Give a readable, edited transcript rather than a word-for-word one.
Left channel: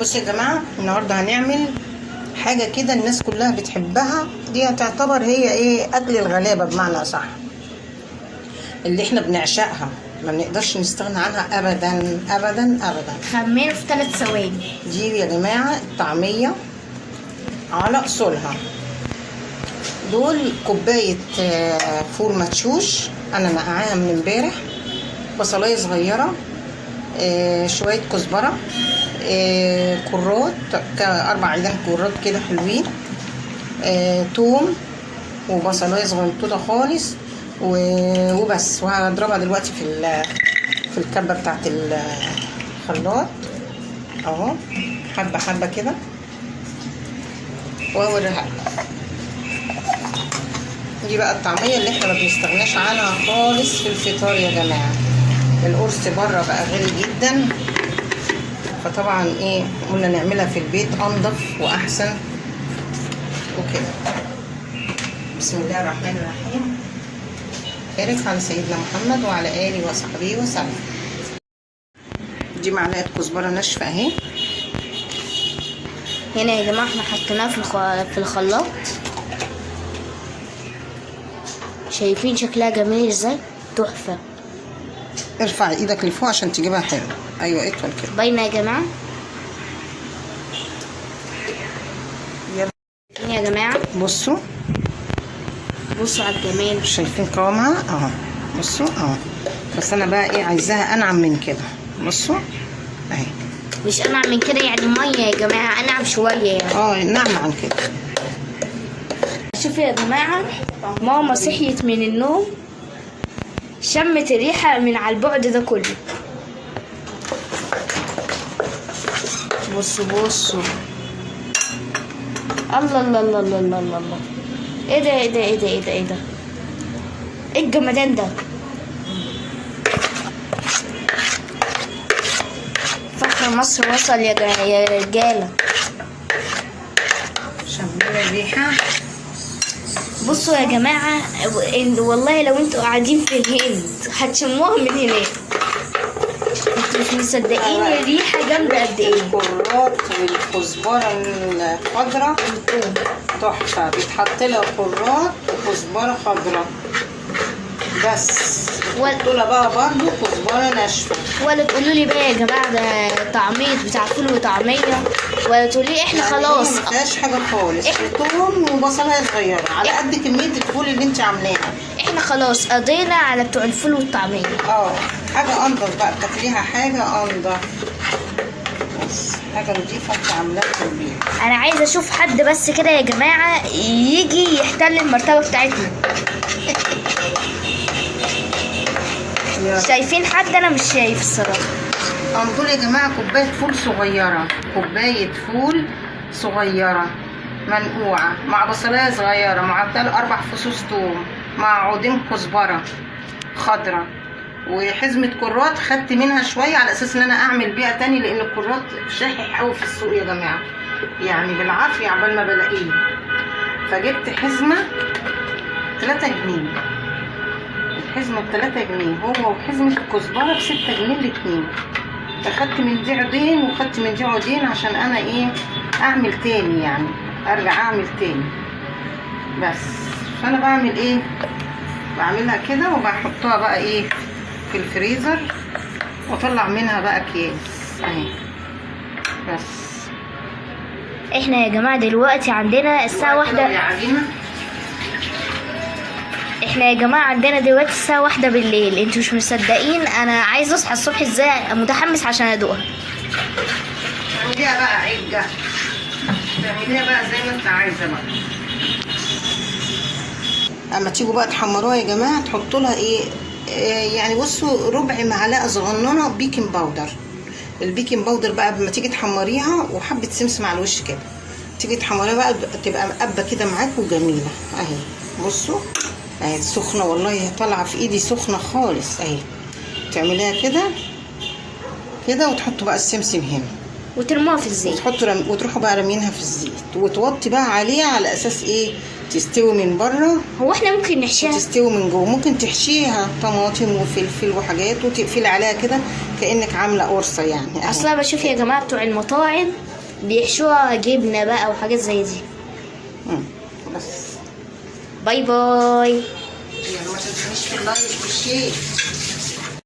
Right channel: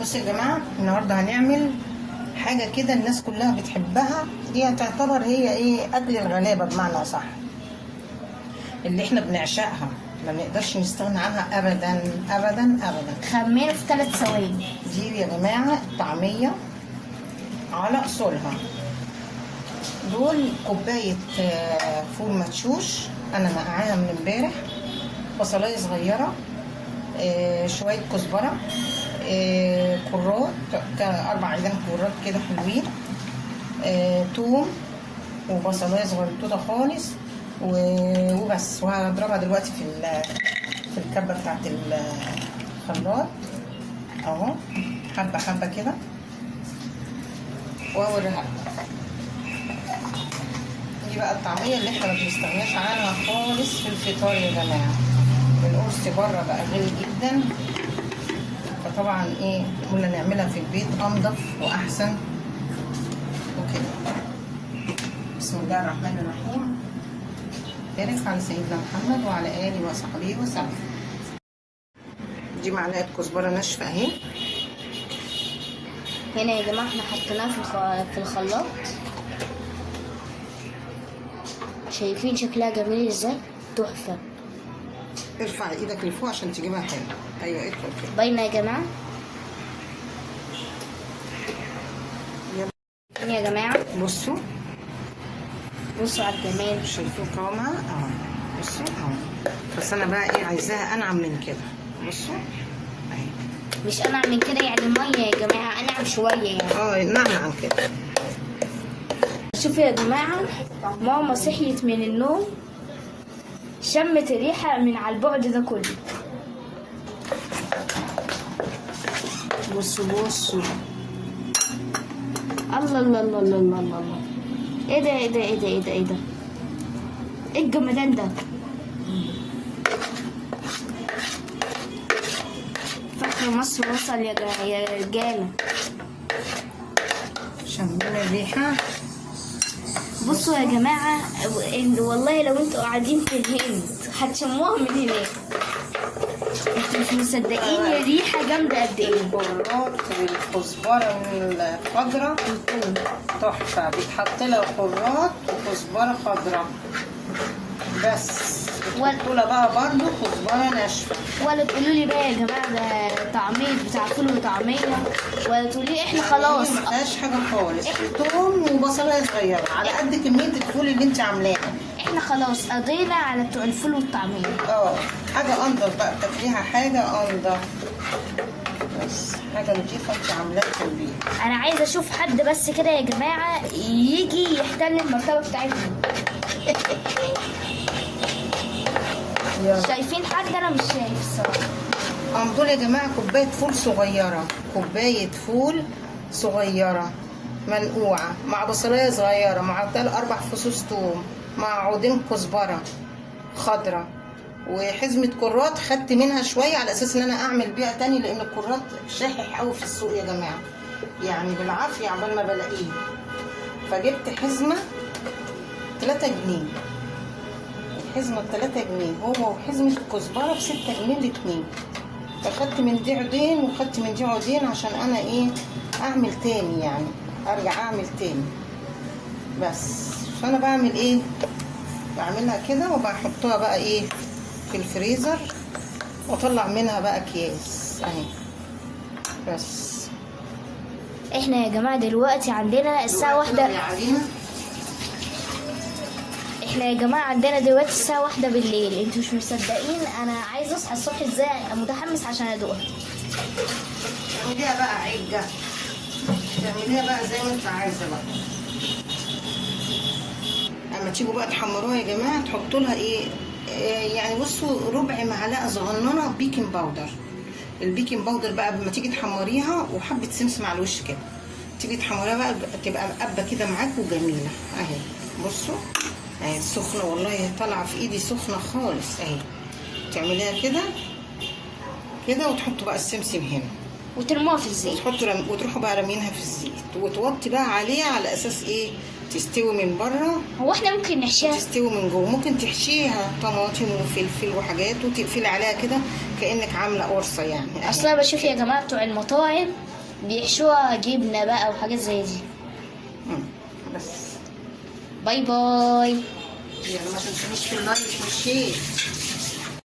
بصوا يا جماعه، النهارده هنعمل حاجه كده الناس كلها بتحبها. دي هتعتبر هي ايه، اكل الغلابه بمعنى اصح، اللي احنا بنعشقها، ما بنقدرش نستغنى عنها ابدا ابدا ابدا. خميره في 3 ثواني. دي يا جماعه الطعميه على اصولها. دول كوبايه فول مدشوش انا نقعاها من امبارح، بصلايه صغيره، شويه كزبره، كرات 4 عيدان كرات كده حلوين، توم وبصلايه صغنطوطه خالص وبس. وهضربها دلوقتي في الكبه بتاعت الخلاط اهو، حبه حبه كده واوريها. دي بقى الطعميه اللي احنا ما بنستغناش عنها خالص في الفطار يا جماعه. القرص بره بقى غالي جدا، فطبعا ايه قلنا نعملها في البيت انضف واحسن وكده. بسم الله الرحمن الرحيم. بارك على سيدنا محمد وعلى اله وصحبه وسلم. دي معلقه كزبره ناشفه اهي. هنا يا جماعه احنا حطيناها في الخلاط. شايفين شكلها جميل ازاي؟ تحفه. ارفع ايدك لفوق عشان تجيبها حلو. ايوه ادخل كده. باينه يا جماعه. يلا يا جماعه بصوا على الجمال. شايفين قوامها اهو، بصوا اهو. بس انا بقى ايه عايزاها انعم من كده. بصوا اهي. مش انعم من كده يعني ميه يا جماعه، انعم شويه يعني. نعم عن كده. شوفوا يا جماعه، ماما صحيت من النوم شمت الريحه من على البعد ده كله. بصوا الله الله الله الله الله الله. ايه ده ايه ده ايه ده ايه ده ايه ده، ايه الجمدان ده؟ فخر مصر وصل يا رجاله. شمينا الريحه. بصوا يا جماعه، والله لو انتوا قاعدين في الهند هتشموها من هناك. انتوا مش مصدقين الريحه جامده قد ايه. الكرات والكزبره الخضراء تحفه، بيتحط لها كرات وكزبره خضراء بس، وتحطوا لها بقى برضه كزبره ناشفه. ولا تقولوا لي بقى يا جماعه ده طعميه بتاع فول وطعميه، ولا تقولوا لي احنا خلاص ما فيهاش حاجه خالص. توم وبصلايه صغيره على قد كميه الفول اللي انت عاملاها. احنا خلاص قضينا على بتوع الفول والطعميه. حاجه انضف بقى، بتاكليها حاجه انضف، بس حاجه نضيفه انت عاملاها في البيت. انا عايزه اشوف حد بس كده يا جماعه يجي يحتل المرتبه بتاعتنا. شايفين حد؟ انا مش شايف الصراحه. دول يا جماعه كوبايه فول صغيره، كوبايه فول صغيره منقوعه مع بصلايه صغيره مع 4 فصوص توم مع عودين كزبره خضراء وحزمه كرات. خدت منها شويه على اساس ان انا اعمل بيها تاني، لان الكرات شاحح قوي في السوق يا جماعه، يعني بالعافيه عبال ما بلاقيه. فجبت حزمه 3 جنيه، الحزمه ب3 جنيه، هو وحزمه الكزبره ب6 جنيه الاتنين. فخدت من دي عودين وخدت من دي عودين عشان انا ايه اعمل تاني، يعني ارجع اعمل تاني بس. فانا بعمل ايه، بعملها كده وبحطها بقى ايه في الفريزر واطلع منها بقى اكياس اهي بس. احنا يا جماعه دلوقتي عندنا الساعه 1. احنا يا جماعه عندنا دلوقتي الساعه 1 بالليل. انتوا مش مصدقين انا عايزه اصحى الصبح ازاي، متحمس عشان ادوقها. تعمليها بقى عجه، تعمليها بقى زي ما انت عايزه بقى. اما تيجوا بقى تحمروها يا جماعه تحطوا لها ايه، يعني بصوا ربع معلقه صغننه بيكنج باودر. البيكنج باودر بقى لما تيجي تحمريها وحبه سمسم على الوش كده، تيجي تحمريها بقى تبقى مقبه كده معاكم وجميله اهي. بصوا اهي سخنه، والله طالعه في ايدي سخنه خالص اهي. تعمليها كده كده وتحطوا بقى السمسم هنا وترموها في الزيت، وتروحوا بقى رامينها في الزيت وتوطي بقى عليها على اساس ايه تستوي من بره. هو احنا ممكن نحشيها تستوي من جوه، ممكن تحشيها طماطم وفلفل وحاجات وتقفلي عليها كده كأنك عاملة قرصة يعني أهي. اصلا بشوف يا جماعه بتوع المطاعم بيحشوها جبنه بقى وحاجات زي دي. بس باي باي. يلا ما تنسونيش في اللايك والشير.